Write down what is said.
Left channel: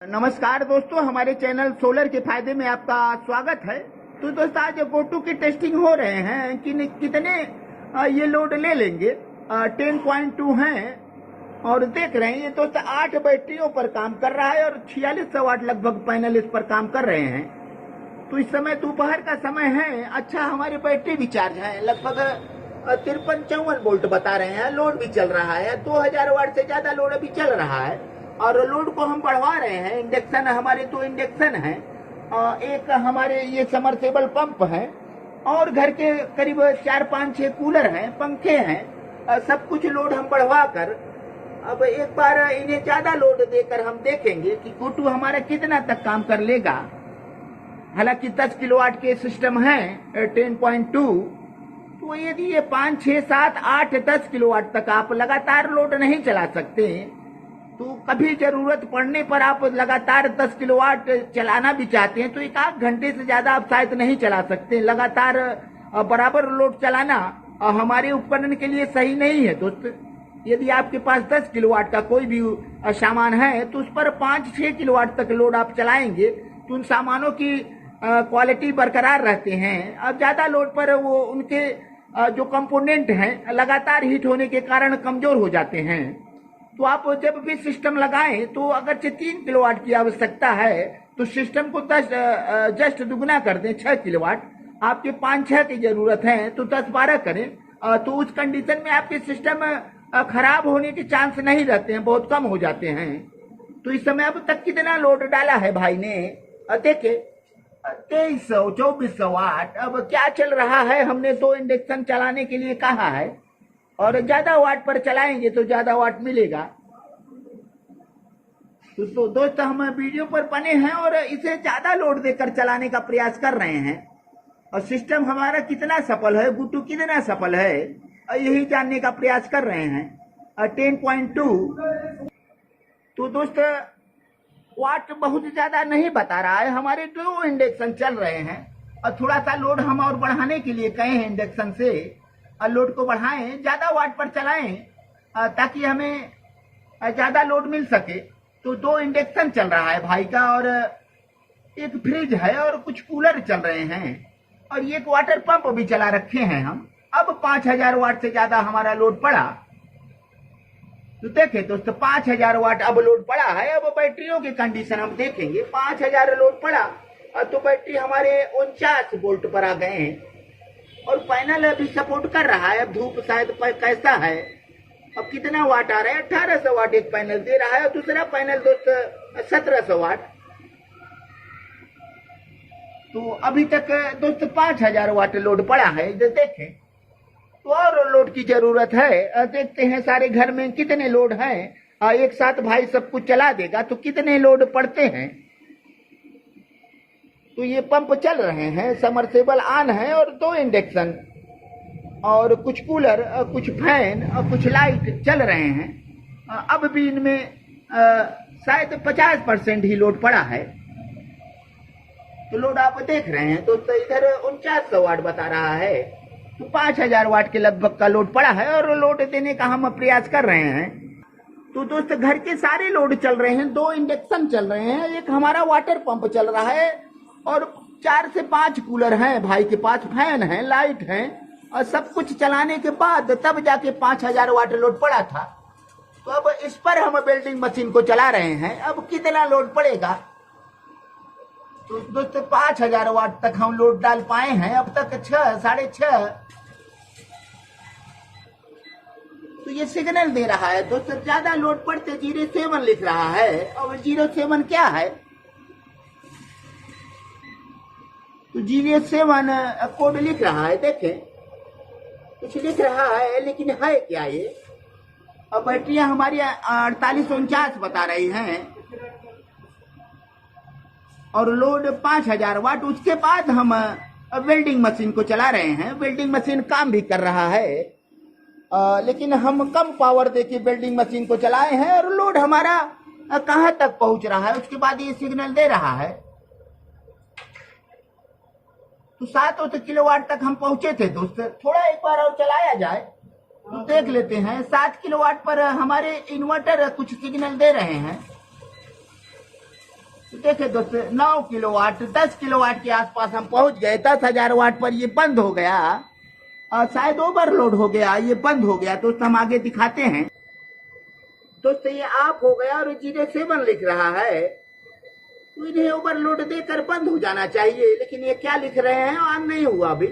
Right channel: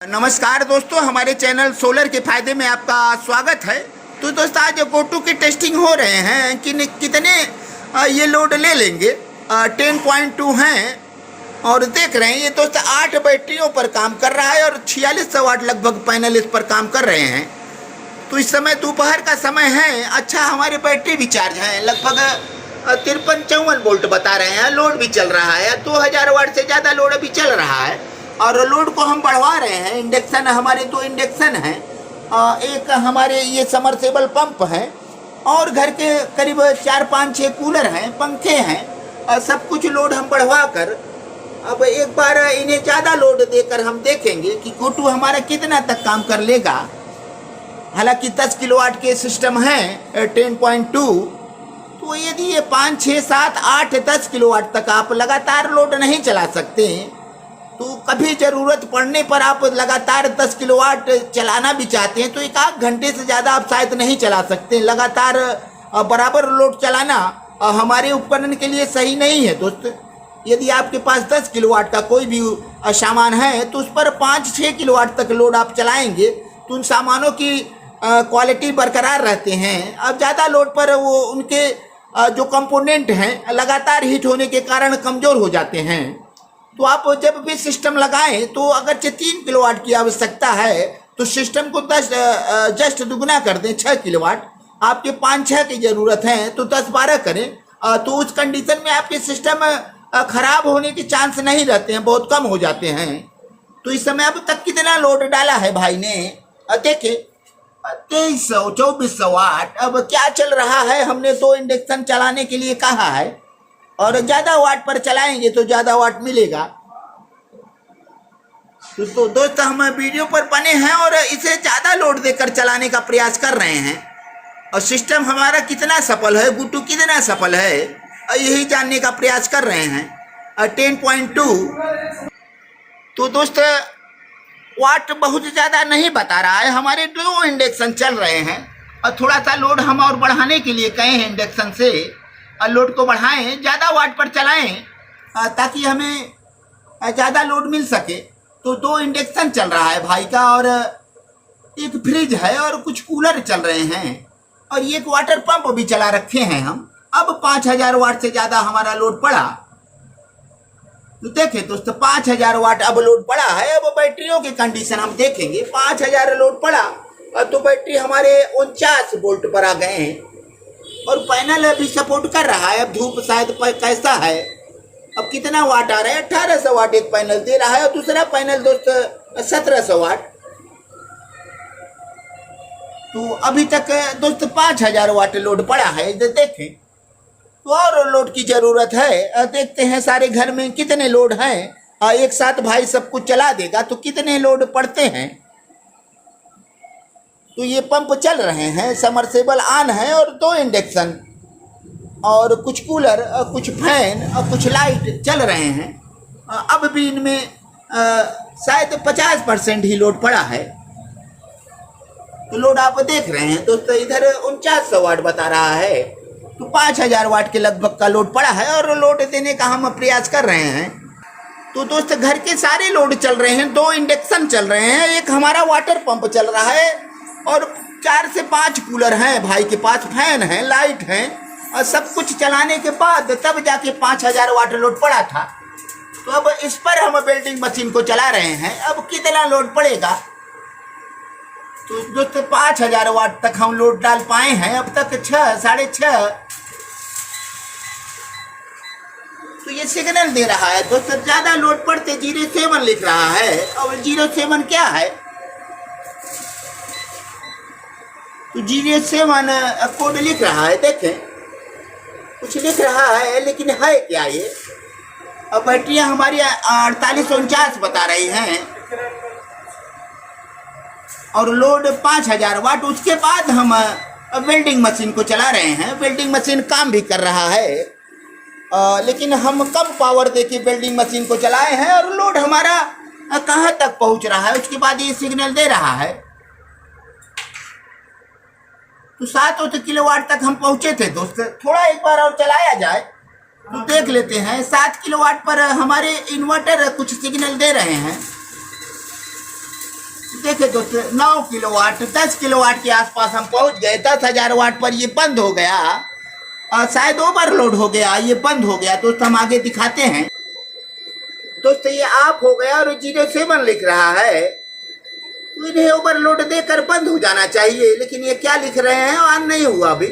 नमस्कार दोस्तों, हमारे चैनल सोलर के फायदे में आपका स्वागत है। तो दोस्तों आज गोटू की टेस्टिंग हो रहे हैं कि कितने ये लोड ले लेंगे। 10.2 हैं और देख रहे हैं ये दोस्त 8 बैटरियों पर काम कर रहा है और 4600 वाट लगभग पैनल इस पर काम कर रहे हैं। तो इस समय दोपहर का समय है। अच्छा, हमारे बैटरी भी चार्ज हैं, लगभग 53-54 वोल्ट बता रहे हैं। लोड भी चल रहा है, 2000 वाट से ज़्यादा लोड अभी चल रहा है और लोड को हम बढ़वा रहे हैं। इंडक्शन हमारे 2 इंडक्शन हैं, एक हमारे ये समरसेबल पंप है और घर के करीब 4-5-6 कूलर हैं, पंखे हैं। सब कुछ लोड हम बढ़वा कर अब एक बार इन्हें ज़्यादा लोड देकर हम देखेंगे कि गोटू हमारा कितना तक काम कर लेगा। हालांकि 10 किलोवाट के सिस्टम हैं 10.2, तो यदि ये 5, 6, 7, 8, 10 किलोवाट तक आप लगातार लोड नहीं चला सकते, तो कभी ज़रूरत पड़ने पर आप लगातार 10 किलोवाट चलाना भी चाहते हैं तो 1 घंटे से ज़्यादा आप शायद नहीं चला सकते। लगातार बराबर लोड चलाना हमारे उपकरण के लिए सही नहीं है दोस्त। यदि आपके पास 10 किलोवाट का कोई भी सामान है तो उस पर 5-6 किलोवाट तक लोड आप चलाएंगे तो उन सामानों की क्वालिटी बरकरार रहते हैं। अब ज़्यादा लोड पर वो उनके जो कंपोनेंट हैं लगातार हीट होने के कारण कमज़ोर हो जाते हैं। तो आप जब भी सिस्टम लगाएं तो अगर 3 किलोवाट की आवश्यकता है तो सिस्टम को 10 जस्ट दुगना कर दें, 6 किलोवाट। आपके 5-6 की ज़रूरत है तो 10-12 करें। तो उस कंडीशन में आपके सिस्टम खराब होने के चांस नहीं रहते हैं, बहुत कम हो जाते हैं। तो इस समय अब तक कितना लोड डाला है भाई ने, देखे 2300-2400 वाट। अब क्या चल रहा है, हमने 2 इंडक्शन चलाने के लिए कहा है और ज़्यादा वाट पर चलाएंगे तो ज़्यादा वाट मिलेगा। तो दोस्त हम वीडियो पर बने हैं और इसे ज़्यादा लोड देकर चलाने का प्रयास कर रहे हैं और सिस्टम हमारा कितना सफल है, गोटू कितना सफल है, यही जानने का प्रयास कर रहे हैं। 10.2 तो दोस्त वाट बहुत ज़्यादा नहीं बता रहा है। हमारे 2 इंडक्शन चल रहे हैं और थोड़ा सा लोड हम और बढ़ाने के लिए कहे हैं इंडक्शन से। लोड को बढ़ाएं, ज़्यादा वाट पर चलाएं ताकि हमें ज़्यादा लोड मिल सके। तो 2 इंडक्शन चल रहा है भाई का और एक फ्रिज है और कुछ कूलर चल रहे हैं और एक वाटर पंप भी चला रखे हैं हम। अब 5000 वाट से ज़्यादा हमारा लोड पड़ा। तो देखें दोस्तों 5000 वाट अब लोड पड़ा है। अब बैटरियों की कंडीशन हम देखेंगे। 5000 लोड पड़ा तो बैटरी हमारे 49 वोल्ट पर आ गए हैं और पैनल अभी सपोर्ट कर रहा है। अब धूप शायद कैसा है, अब कितना वाट आ रहा है, 1800 वाट एक पैनल दे रहा है और दूसरा पैनल दोस्त 1700 वाट। तो अभी तक दोस्त 5000 वाट लोड पड़ा है। देखें तो और लोड की ज़रूरत है। देखते हैं सारे घर में कितने लोड हैं। एक साथ भाई सब कुछ चला देगा तो कितने लोड पड़ते हैं। तो ये पंप चल रहे हैं, समरसेबल ऑन है और 2 इंडक्शन और कुछ कूलर, कुछ फैन और कुछ लाइट चल रहे हैं। अब भी इनमें शायद 50% ही लोड पड़ा है। तो लोड आप देख रहे हैं दोस्तों, इधर 4900 वाट बता रहा है तो 5000 वाट के लगभग का लोड पड़ा है और लोड देने का हम प्रयास कर रहे हैं। तो दोस्त घर के सारे लोड चल रहे हैं, 2 इंडक्शन चल रहे हैं, एक हमारा वाटर पंप चल रहा है और 4 से 5 कूलर हैं भाई के पास, फैन हैं, लाइट हैं और सब कुछ चलाने के बाद तब जाके 5000 वाट लोड पड़ा था। तो अब इस पर हम वेल्डिंग मशीन को चला रहे हैं। अब कितना लोड पड़ेगा, तो दोस्तों 5000 वाट तक हम लोड डाल पाए हैं अब तक 6, 6.5। तो ये सिग्नल दे रहा है दोस्तों ज़्यादा लोड पड़ते 07 लिख रहा है। अब 07 क्या है, तो 07 कोड लिख रहा है। देखें कुछ लिख रहा है लेकिन है क्या ये। अब बैटरियाँ हमारी 4849 बता रही हैं और लोड 5000 वाट। उसके बाद हम वेल्डिंग मशीन को चला रहे हैं। वेल्डिंग मशीन काम भी कर रहा है लेकिन हम कम पावर देके वेल्डिंग मशीन को चलाए हैं और लोड हमारा कहाँ तक पहुँच रहा है उसके बाद ये सिग्नल दे रहा है। तो 7 किलोवाट तक हम पहुँचे थे दोस्त। थोड़ा एक बार और चलाया जाए तो देख लेते हैं। 7 किलोवाट पर हमारे इन्वर्टर कुछ सिग्नल दे रहे हैं देखिए दोस्तों 9 किलोवाट 10 किलोवाट के आसपास हम पहुंच गए। 10,000 वाट पर ये बंद हो गया। शायद ओवरलोड हो गया, ये बंद हो गया। दोस्तों हम आगे दिखाते हैं। दोस्तों ये ऑफ हो गया और 07 लिख रहा है। तो इन्हें ओवरलोड देकर बंद हो जाना चाहिए, लेकिन ये क्या लिख रहे हैं ऑन नहीं हुआ अभी।